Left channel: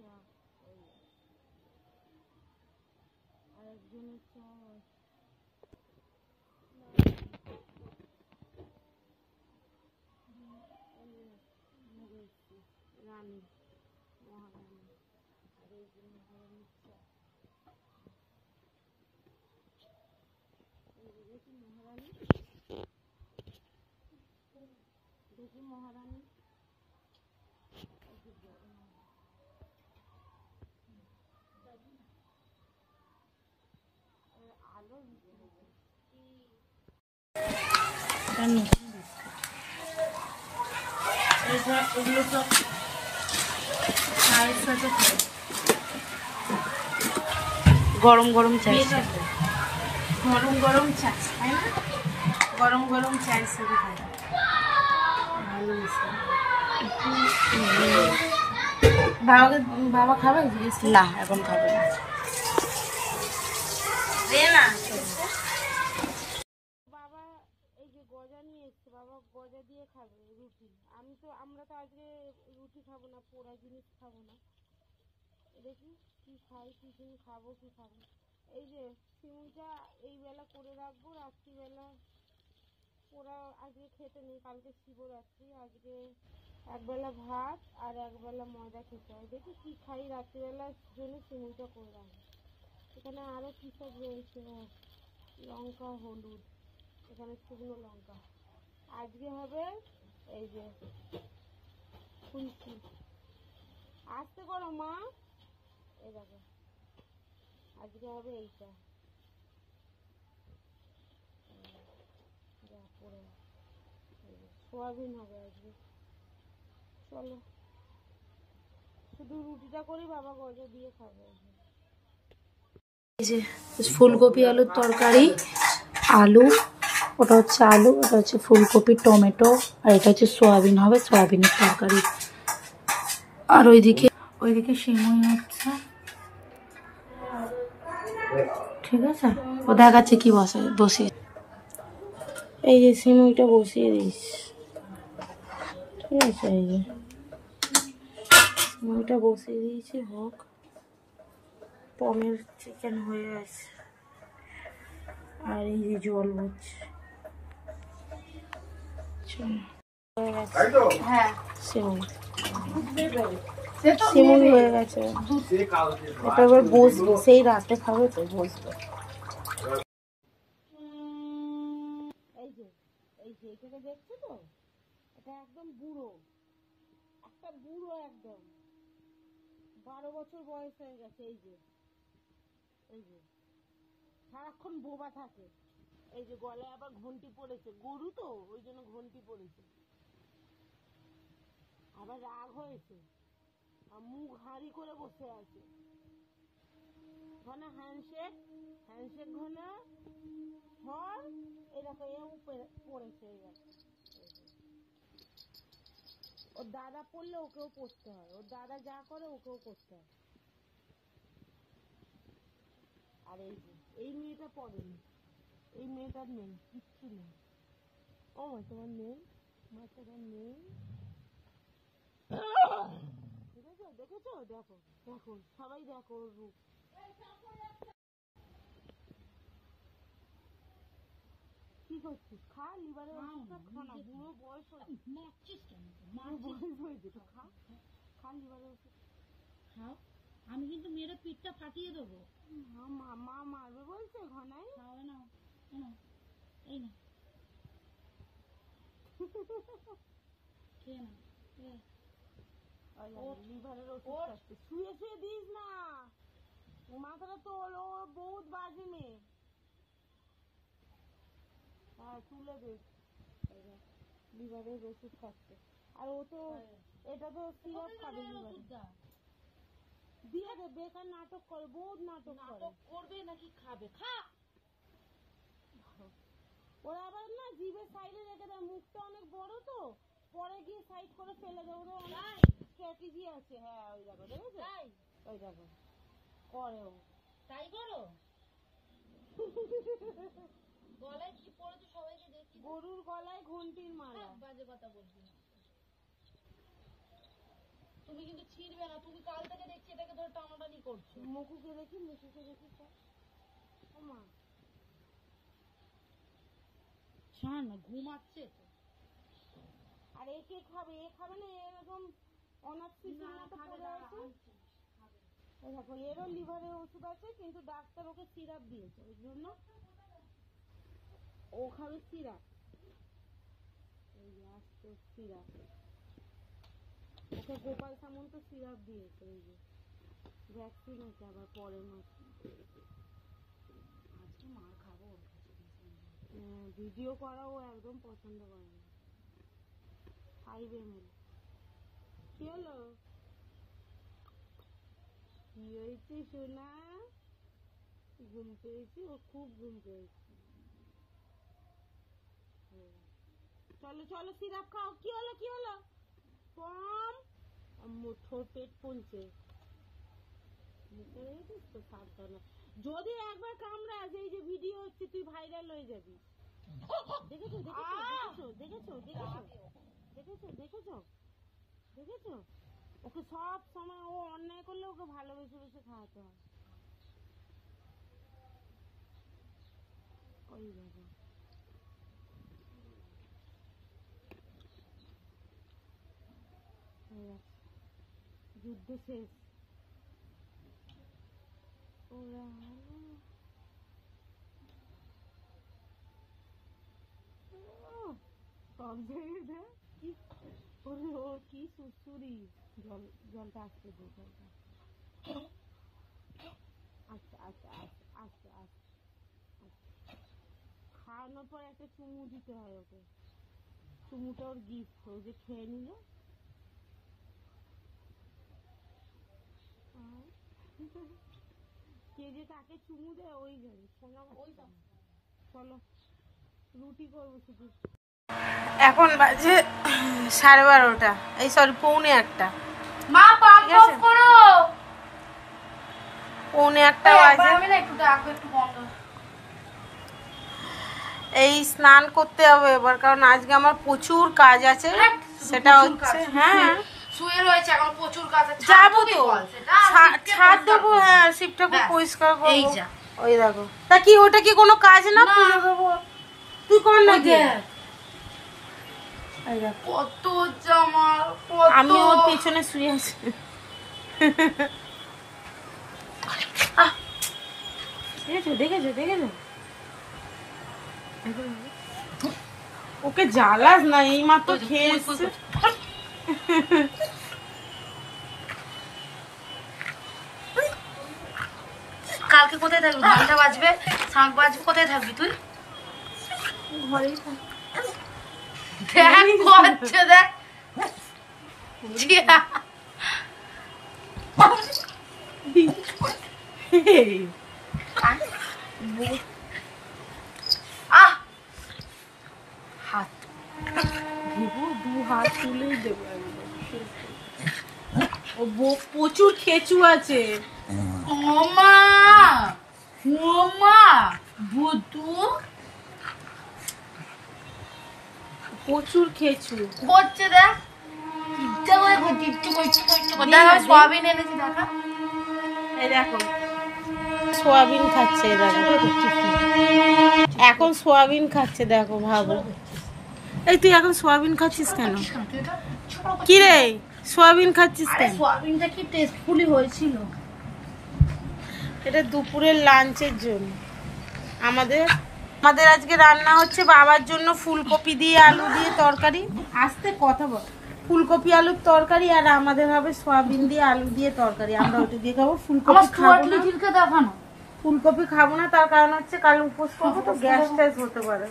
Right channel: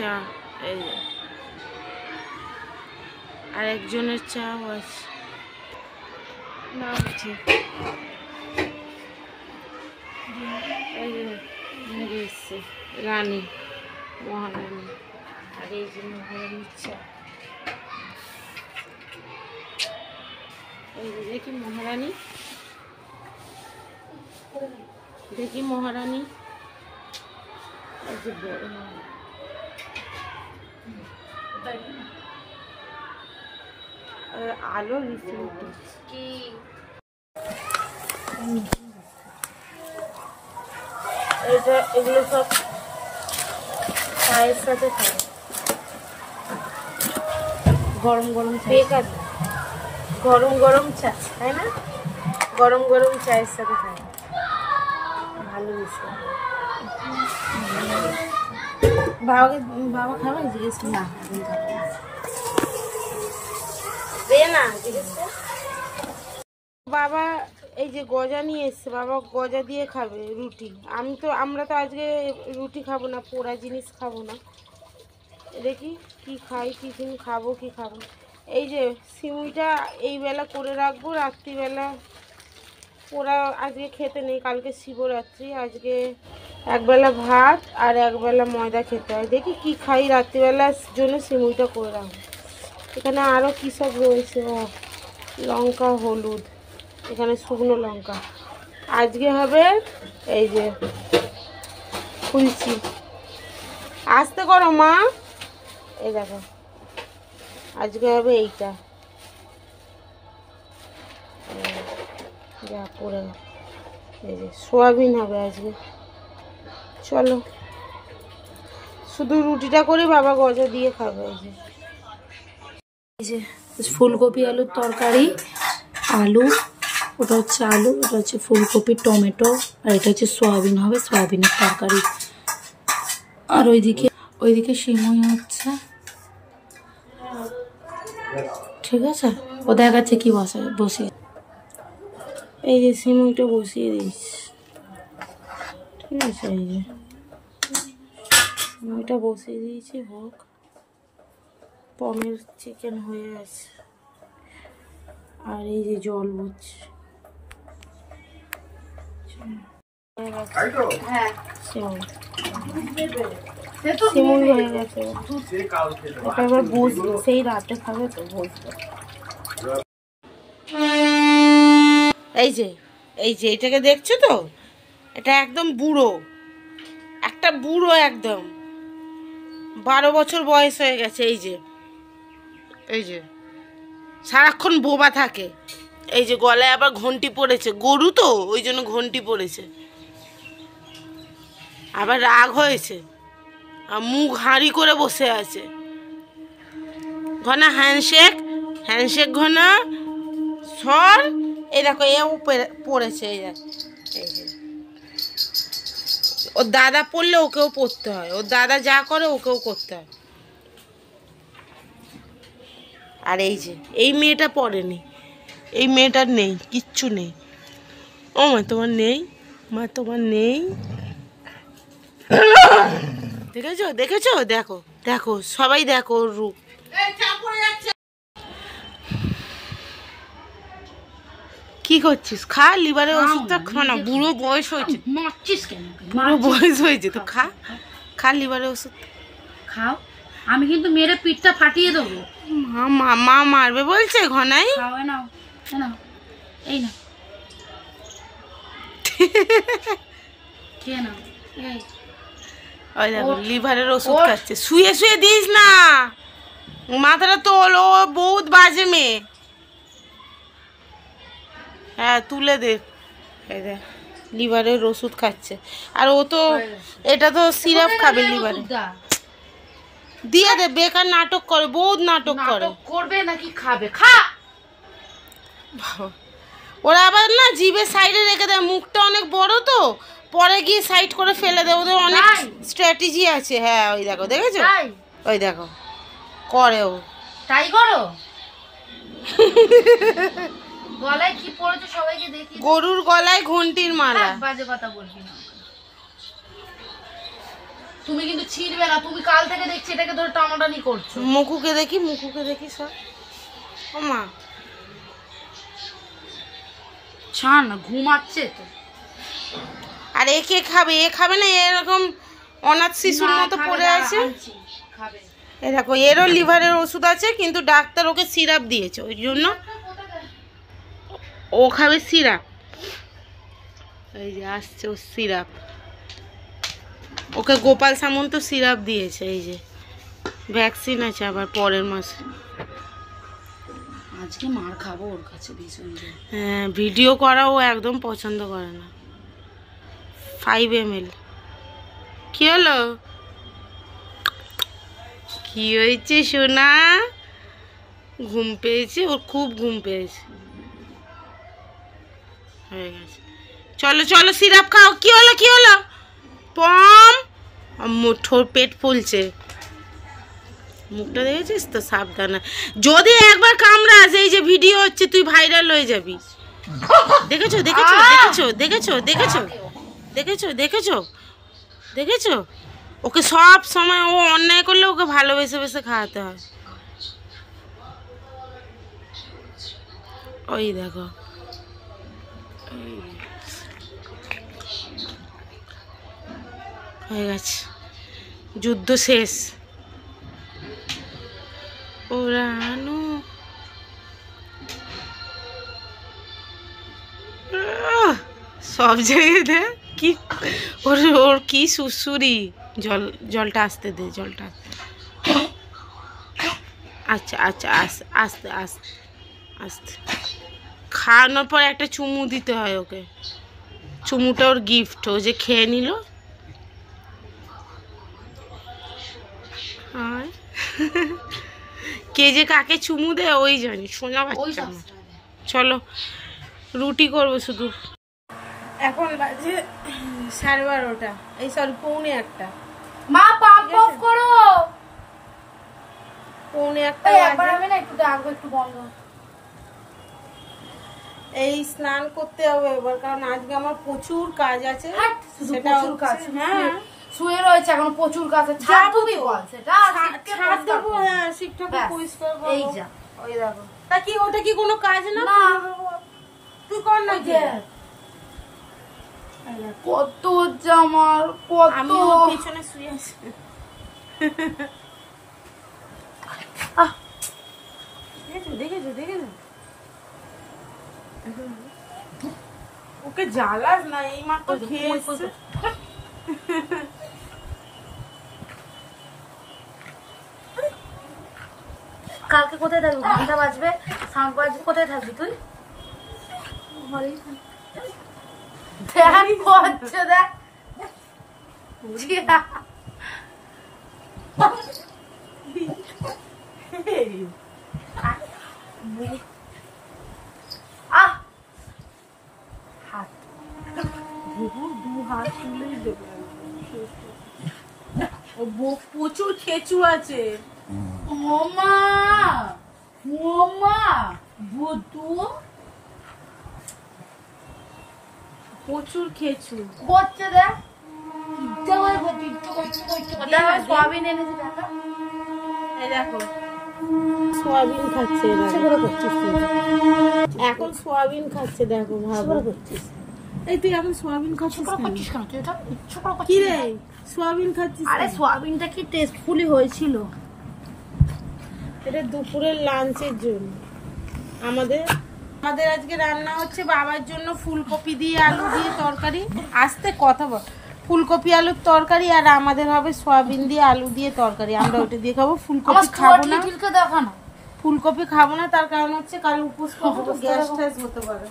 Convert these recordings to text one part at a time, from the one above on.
চা, এই যে আর একজনের চাও আছে না ঠিক। এই যে এসছে রানী, মহারানী, আর এই যে মহারানীর চা। এই যে দেখি মহারানী, দেখি মহারানী, এই যে বড় আলো কি এগুলো সব চায়ের সাথে খাই, গরম গরম চা, গরম গরম চা তাই না, গরম গরম চায়ের সাথে খাই, ভালো মিশে। বাবা খাবে জিজ্ঞেস না, এখন খাবে না, দে না। বাবা এই যে গজা নিয়ে এসছে, বাবা গজা দিয়ে খাবে রুটি। আমরা তো আজকে রুটি খাবো না, পোড়া জিনিস খাবো না। দেখি কি খাই, টিফিন খাবো কি খাবো। এই যে সিমুইটা এই বেলা করে রাখবো, রাত্রিবেলা পোড়া আজকে খেতে নেই, কালকে শিবরাত্রি, আজকে একবেলা ভাত আর একবেলা ময়দা খেতে হয়। দেখি কি খাই, রাত্রিবেলার জন্য সিমুইটা করে রাখবো। এখানে আরও কী সব রয়েছে, লঙ্কা, হলুদ, এখানে শুকনো লঙ্কা। আজকে হবে এই যে ফুলচি, আস্তে করো মা, এই দেখো আজকে হবে এইটা, যা করে এই যে সোয়াবিন হবে আজকে। চলো শুধু রুটিটা করে বাবা গজা দিয়ে খাবে। এই যে ফুলকপি আলুর তরকারি, আলু, ওটা হচ্ছে আলু, ওটা হচ্ছে ফুলকপি, টমেটো, আর এটা হচ্ছে সোয়াবিন হবে, সোয়াবিনের তরকারি। আর ওইদিকে সিমুই হচ্ছে, ঠিক আছে। ও দেখাচ্ছে কি বসিয়ে, এই যে সিমুইটা বসিয়ে দিস, ঠিক আছে। এই যে সিমুইটা বসিয়ে দিয়েছি, হোক। পনির চিকেন হয়ে আছে, আর এই যে জল হচ্ছে, হয়ে গেছে। হ্যাঁ সিমুই হয়ে গেছে, এটা এবার বসবে, সেই রাতে খাবে তো বসবে। এই যে এটাকে দেখছো তো, এটা একদম বুড়ো, একটা বুড়ো, একদম 12 বছর বয়স হয়ে গেছে। এই যে সারাক্ষণ বোবা থাকে। এই যে গলায় আবার ঘন্টি পড়েছে, গরু তো ওই জন্য ঘন্টি পড়েছে, আবার রাগ হয়েছে, আর মুখ হাঁড়ি করে বসে আছে। ঘনা হ্যান্ডশেক ঘনা সর। এই দেখো এও পড়েছে, এই যে ওর দাদা পড়লে ওকেও পড়তে হয়, ওর দাদা যা করে ওকেও করতে হয়। আর এই মেয়েটা পড়েনি, এই মেয়েটার নেই, কিচ্ছু নেই। ও মা তোমার নেই, মা তোমার নেই, দেখেছো দেখো দেখো সবাই দেখো ওর রূপ। কি করছিস? খা, লিভারের ওষুধটা খা না, বুড়ো বয়স হয়েছে, বুড়ো বয়স হয়েছে তো খা লিভারের ওষুধ খাও। আমি কিন্তু মেরে পিঠটা ফাটিয়ে দেবো। মা মারবে বলছে ঘনাই। নাও এই না, খেয়ে নাও। ওই দেখো লিভারের ওষুধ খাচ্ছে, শুয়ে শুয়ে দিস না, মাথাটা তোল, ও বহুত বাজে মেয়ে। হ্যাঁ তুলে দে, এই দেখ লিভারের ওষুধ খাচ্ছে। আর ও তো এটা তো সিরাপ খাবে লিভারে, দিয়ে দে, বেকার নাটক করে, বহুত নাটক করবে নাকি খাবে, খা। ওরা আবার না জিভের সাইডে রেখে দেয়, মুখটা অনেক বড় তো, পরে গিয়ে সাইড করে ফেলে দেয়, ওদের অনেক স্ট্র্যাটেজি আছে। হ্যাঁ ওই দেখো, দেখেছো, ওই দেখো করে, ও তাই করো। গলায় কি পড়েছে সবাইকে দেখি, গরুর গলায় ঘন্টির মালা। বাজে কথা বলবি না, তুমি কিন্তু ছিড়বে না, তুমি কাল থেকে দেখছি এটাকে ধরে টানাটানি করছো। মুখুকে দেখি সব। ও মা ছাড় না, ঘুমাচ্ছে তো। আর একে খাবে, এ খাবে না, এরকম অনাথ শিশুর মতো পড়ে আছে। এ দেখো এরও লিভারের ওষুধ আছে, কিন্তু ডাক্তার ওকে সিরাপ দিয়েছে, ওই জন্য ও খাবে সিরাপ। এই যে আসছে ও সিরাপ, ওকে গোপাল সামন্ত সিরাপ দিয়েছে। এই যে ভ্যাকসিন আছে আবার পরের মাসে। আজকে মার খাবো ওর কাছে ভীষণ। হ্যাঁ, ভিডিও করা ও একদম পছন্দ করে না। 5 ml। কি হলো, কি হয়েছে সোনা? ঘুম পেয়েছে ওর, খুব ঘুম পেয়েছে। হয়ে গেছে, চলো চলো সিরাপ খাও। কি হলো পম? ঠোঁট পেট ফুলছে, মুখটা দেখেছিস তো, সাবধানে। যদি একবার কামড়াস, এই যে ভিডিও হচ্ছে, তুই ভাইরাল হয়ে যাবি। দেখেছো ওকে সব সময় ও অন্যায় করলে ওকে ভালোবেসে খাওয়াতে হয়। ওই দেখো, হয়ে গেছে, যুদ্ধ শেষ। ওরানো সব জায়গায় কি ওর কি সুসুরি। জলটা আসতে দে, জলটা আচ্ছা আস্তে আস্তে আস্তে। খাওয়ানোর পর একটা চুমু দিতে হয় ওকে, চুমুটা ওর গিফট, ও যে খেয়ে নিল। কে যে কাকে চুমু দেয় ওই জানি, শোনা বাচ্চা। চলো রুটি করবো শুধু। এখন বাজে 12:30, এই সরি 1:45। মা পাম্প অফ করো। 1:45 বাজে। আমি না একটু ডাকবো, একটু বন্ধ। এই স্নান করতে হবে এবার, কারণ আজকে আমার প্রচুর কাজ আছে। সেটা হচ্ছে, হ্যাঁ শুয়ে রয়েছে এখন, প্রচুর কাজ আছে। যাবো তো, ছাদ দেবো। হ্যাঁ, শিব ঠাকুর পরিষ্কার করবো। এই যা, ওই দেখো। তা কি ওটা কি কোনো কাজ না? তুই কর না। কত জামার, কত। আমি ওর পেছনে শুয়ে আছি। দেখেছো ওকে জ্বালাস না, এই মাত্র খেয়ে এসছে। কালকে কোথায় থাকবি? ঘন্টা বাজবে, শাঁখ বাজবে, কোথায় থাকবি তুই? দেখ করছে, দেখ জিয়া। আহ হাত প্রচুর খেচু আছে। ওমা ওমা বুদু, প্রচুর খেচু করছে, দেখ ইচ্ছা করে করছে, দেখা সয়াবিন এনেছি, দেখা। এই দেখো সোয়াবিন খাচ্ছে, দেখো এখন সোয়াবিন খাচ্ছে, দেখো ভাবো। এই তুই এখন সোয়াবিন খাচ্ছিস কেন? কি রে সোয়াবিন খাচ্ছিস কেন? সোয়াবিনটা কি টেস্টফুলি হয়েছিল। এটা দুপুরের লাঞ্চের জন্য। আমাদের আজকে রান্না হচ্ছে বাবার জন্য ফুলকপি দিয়ে আলু দিয়ে তরকারি। আস্তে কথা বল। ফুলকপি আলুর তরকারি, আর আমাদের হবে সয়াবিন দিয়ে আলু দিয়ে তরকারি। আমরা ওটা দিয়ে খাবো। ফুলকপি খাবো না, ফুলকপি খাবো না, তার কারণ হচ্ছে কাল উপোস করবো তো, গ্যাস ট্যাস হতে পারে।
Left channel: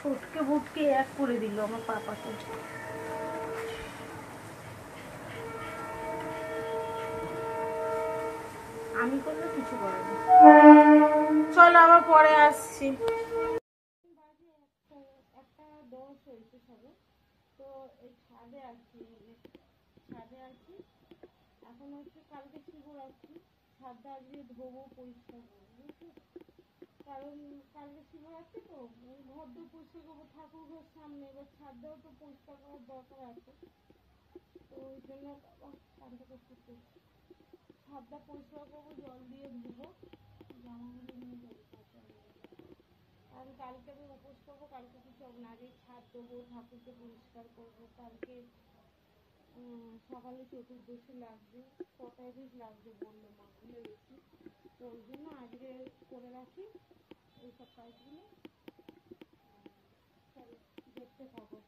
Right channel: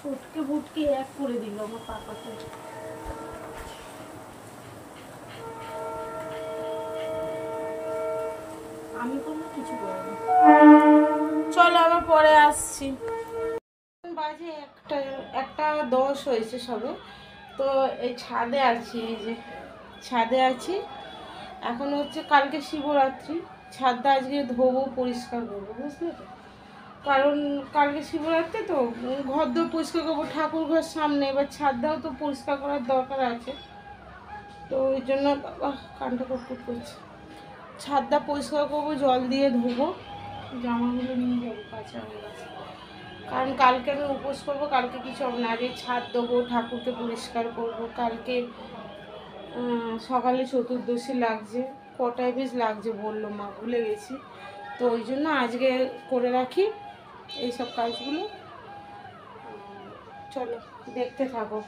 ছোটকে বুটকে এক করে দিল আমার পাপাকে। আমি করলে কিছু করে না। চলো আবার পরে আসছি। বাজে 1:10 হয়েছে সবে। তো এই ছাদে আছি, এই যে ছাদে আছি এখন। হচ্ছে কালকে শিবরাত্রি, ছাদটা আজকে ধোবো, পরিষ্কার করবো, বুঝলে তো। কারণ কালকে শিবরাত্রি তো ঘর দোর পরিষ্কার করবো, ঠাকুর ঘর সামনে, এবার ছাদটাও তো পরিষ্কার করার দরকার আছে। তো ওই জন্য বাবা কানটা কটকট করছে, ছাদটা পরিষ্কার করবো, জল দিয়ে ধোবো, জামাগুলো নিয়ে যাবো কাঁচা হয়ে গেছে। কারণ কালকে আমি উপোস করবো, কালকে কিছু হবে না, আগে ছাদ দেবো, ঠাকুরকে পরিষ্কার করবো। কালকে সকালে চতুর্দশী লাগছে, কটায় বেশ লাগছে বললো মা, ভুলে গেছি। তো ওই জন্য আজকে করে রাখি এইসব কাজগুলো। চলো দেখতে থাকো।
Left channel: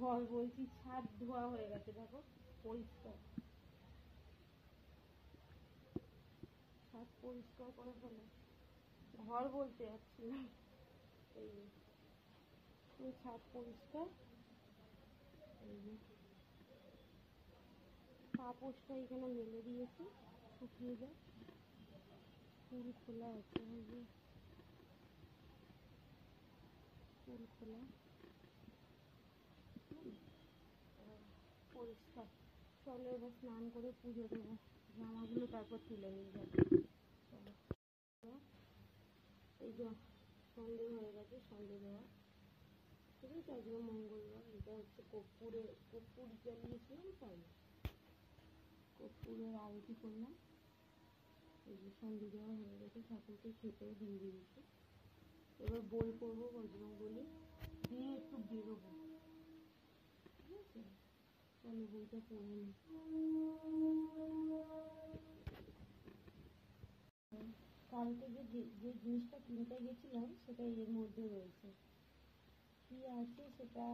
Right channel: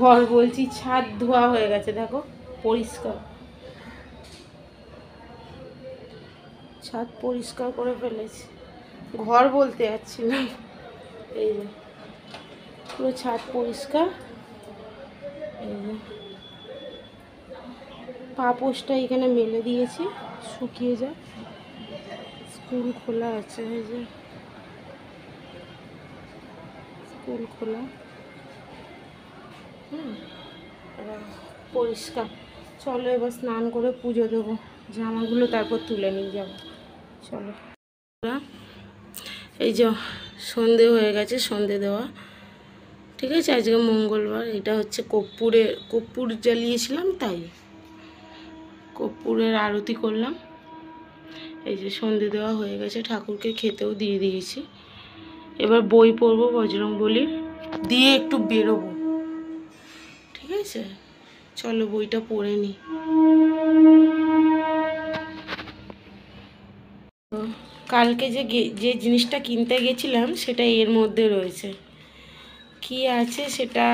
ঘর বলছি, ছাদ ধোয়া হয়ে গেছে, দেখো পরিষ্কার, ছাদ পরিষ্কার করে ফেলেছি। ঘর বলতে যাচ্ছি না, এই যে পুরো ছাদ পরিষ্কার। এই যে পাপোশটা এখানে মেলে দিয়েছি, শুকিয়ে যায়। স্কুল খোলা আছে, এই যে স্কুল খোলা, পরিষ্কার। চলো এবার স্নান করে পুজো দেবো, জামাগুলো তারপর তুলে নিয়ে যাব। চলো, এই যে সন্ধে হয়ে গেছে, সন্ধে দেওয়া ঠিক আছে। আজকে মঙ্গলবার, এটা হচ্ছে কর্পূর জ্বালিয়েছিলাম, তাই কর্পূরের আরতি করলাম। এই যে সন্ধে দেওয়া হয়ে গেছে, ঠাকুরকে খেতেও দিয়ে দিয়েছি। এবার বই পড়বো বজরংবলীর, দিয়ে একটু বেরোবো, ঠিক আছে। চলো বইটা পড়ে নিই। কালকে যে জিনিসটা কিনতে গেছিলাম সেটা এর মধ্যে রয়েছে, কি আছে সেটা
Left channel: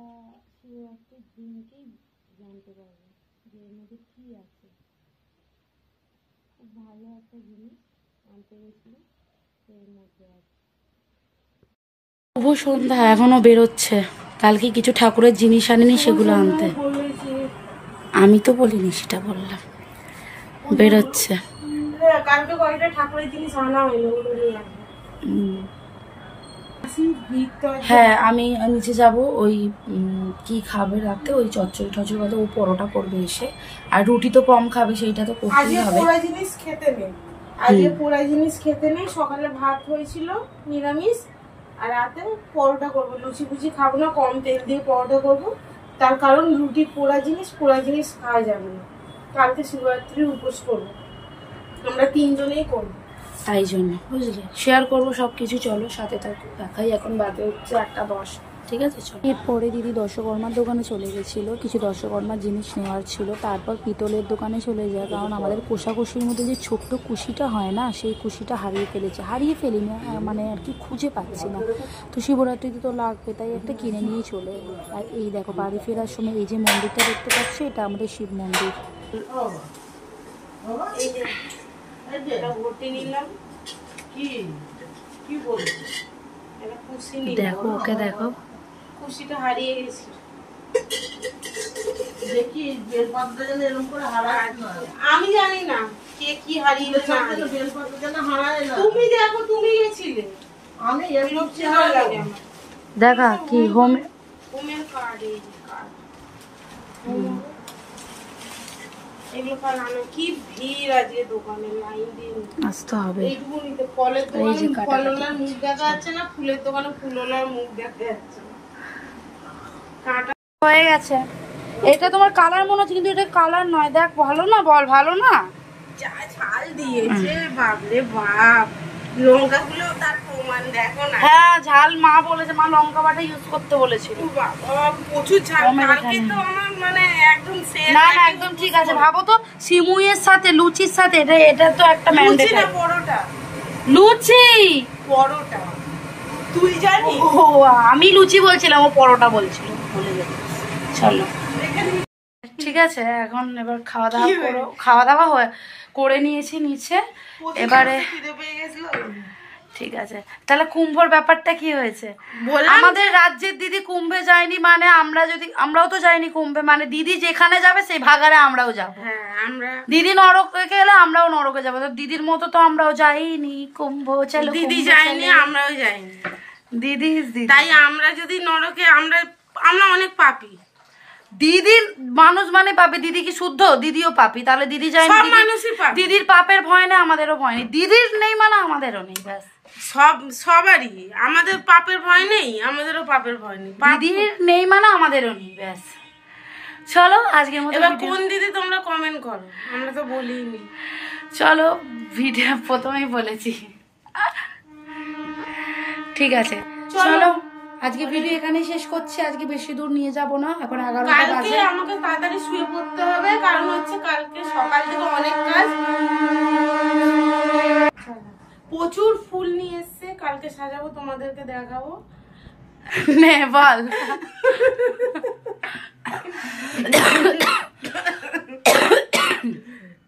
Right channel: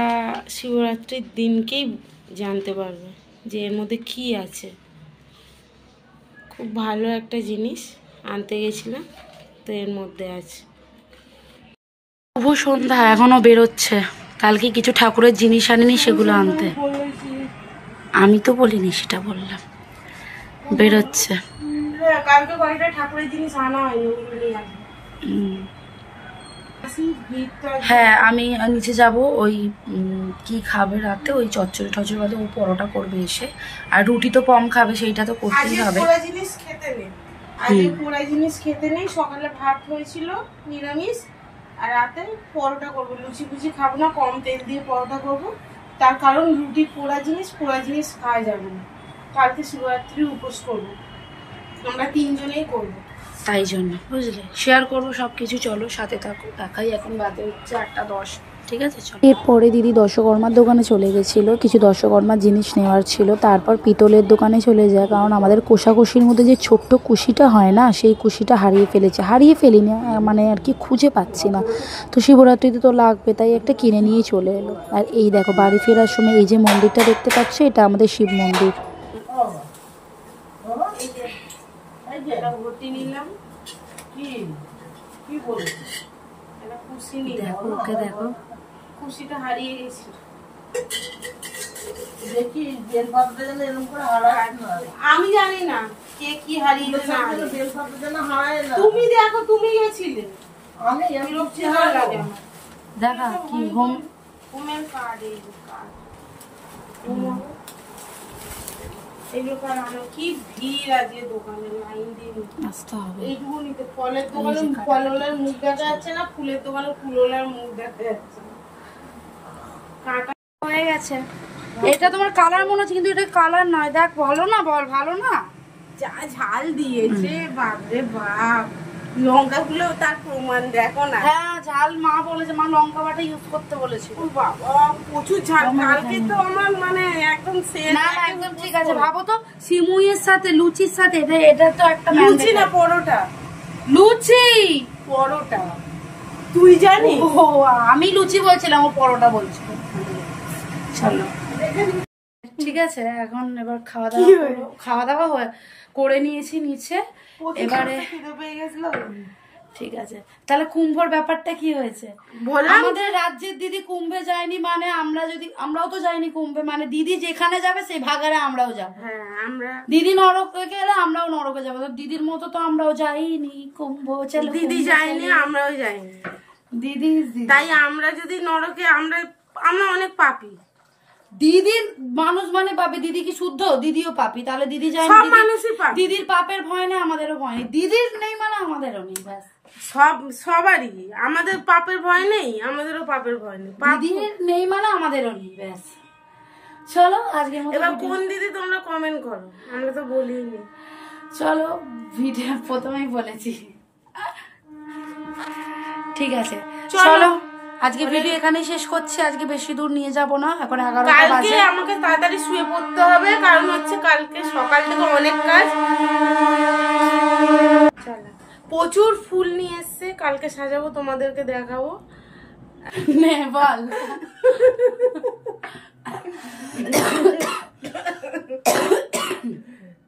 শিবরাত্রির দিনকেই জানতে পারবে যে এর মধ্যে কি আছে। খুব ভালো একটা জিনিস আনতে গেছিলাম, তো এর মধ্যে আছে। শুভ সন্ধ্যা, এখনো বেরোচ্ছে। কালকে কিছু ঠাকুরের জিনিস আনিনি, সেগুলো আনতে। আমি তো বলিনি, সেটা বললাম, বেরোচ্ছে। কালকে কয়েকটা ঠাকুরের জিনিস আনা হয়নি, ওগুলো নিয়ে আসবে। হ্যাঁ, আমি নিচে যাব। ওই কি খাবে রাতে, ওই চচ্চড়ি টচড়ি বাদে ও পরোটা করবে এসে, আর রুটি তো কম খাবে, সেইটা তো করতেই হবে। পোড়া জিনিস খেতে নেই, আজকে পোড়া জিনিস খেতে নেই। সকালে ভাত হয়েছিল নিরামিষ, আর রাতে পরোটা করবো। লুচি ফুচি খাবো না, কম তেল দিয়ে পরোটা করবো। তার কারণ রুটি পোড়া জিনিস খাওয়া যাবে না। কালকে শিবরাত্রি উপোস করবো, আমরা 3 জনেই করবো, তাই জন্য বুঝলে শেয়ার করবো সবকিছু। চলো সাথে থাকো, দেখাই। এখন বাজে হচ্ছে 8:10, ঠিক আছে চলো। এরপরে দিদি দশকর্মার দোকানে চলে গেছিলো, কিছু দশকর্মার জিনিস নেওয়ার ছিল। তারপর পিতলের দোকানে চলে যায়, কারণ আমাদের কোষাকুষির মধ্যে যে ছোট্ট কুশিটা হয় না, সেই কুশিটা হারিয়ে ফেলিনি, মানে আর কি খুঁজে পাচ্ছি না। তো শিবরাত্রিতে তো লাগবে, তাই একটা কিনে নিয়ে চলে এলো। আর এই দেখো, বাড়ি ফেরার সময় এই যে মন্দিরটা দেখতে পাচ্ছ, এটা আমাদের শিব মন্দির। দেখো ওকে, দেখো খুশিটা হারিয়ে গেছি। আমি জানি না কে কি হারিয়ে গেছে, তুমি দেখো, তুমি গেছিলে। দেখা কি হোমের কার্ড, এই কার্ড এগুলো আনো। কি ভিড় আজকে দোকানে, লাইন দিয়ে আসতে হবে। এইটুকু নিতে, ফলের দোকানে ফলওয়ালার মুখ দেখা যাচ্ছে না, ফুলের দোকানে ফুলওয়ালার মুখ দেখা যাচ্ছে না। কাটা হয়ে গেছে। এটা তোমার কালার মনে হচ্ছে, কিন্তু এটা কালার নয়। দেখ ভালো না, বল ভালো না। যা ঝাল দিয়েছে, বাপরে বাপ। লঙ্কাগুলো তার প্রমাণ দেখো না। হ্যাঁ ঝাল, মা বলেছে, মা লঙ্কা বাটা ইউজ করতে বলেছিল। বাবা প্রচুর ঝাল। কালকে তো আমার মানে একদম না একদম ঠিক আছে। ভাবো তো, সিমুইয়ের সাথে লুচির সাথে এটা তো একটা ম্যান্ডেটরি। না পরোটা, লুচি পরোটা তুই জানিস? ও আমি লুচি বলছিলাম, ও পরোটা বলছিল, ভুলে গেছি। চলো ঠিক আছে, এখন এবার খাওয়া দাওয়া করো। খাওয়া দাওয়া করে নিয়েছি নিচে, এবারে ঠিক আছে। তাহলে কুম্ভর ব্যাপারটা কি হয়েছে? আমাদের রাজ্যের দিদি কুম্ভে যায়নি মানে আমরাও তো যাইনি কুম্ভে, মানে দিদি যেখানে যাবে সেই ভাগারে আমরাও যাবো। দিদি নরকে গেলে আমরাও নরকে যাবো, তো দিদির মতো তো আমরাও যাইনি কুম্ভ। চলো দিদি যায়নি, আমরাও যাইনি। দিদি তাই আমরা যদি নরকে, আমরা অনেক পাপী। দিদির মানুষ মানে পাপি, দিদি কি শুদ্ধ? দিদিও পাপি, তাহলে দিদি যায়নি। দিদির পাপের ভয় নেই, আমাদেরও ভয় নেই। দিদির নেই মানে আমাদেরও নেই, ব্যাস। সবারই, আমাদের পাপের ভয় নেই, আমাদেরও পাপের ভয় নেই। দিদির নেই মানে আমাদেরও নেই, ব্যাস। চলো আজকের মতো। এবার কোন দিদি তোমরা কমেন্ট করো, আমরা তো বলিনি। চলো ভিডিও প্রথমেই বলেছি, ঠিক আছে চলো আজকে ভিডিও এখানেই শেষ করছি। আজকে বেশি দূর নিয়ে যাব না, এখন 11টা বাজে। আমাকে তাড়াতাড়ি শুয়ে পড়তে হবে, কারণ হচ্ছে কালকে সকাল থেকে অনেক কাজ। প্রচুর ফুল নিয়ে এসছে, কালকে সাজাবো, তোমাদেরকে দেখাবো। নে বল।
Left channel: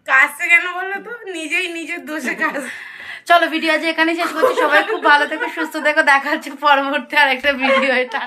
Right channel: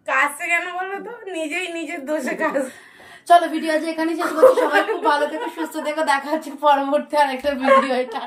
কাজটা কেন বলো তো, নিজেই নিজের দোষে কাজ। চলো ভিডিও আজ এখানেই শেষ করছি। সবাই খুব ভালো থেকো, সুস্থ থেকো, দেখা হচ্ছে পরবর্তী আরেকটা ভিডিও। এটা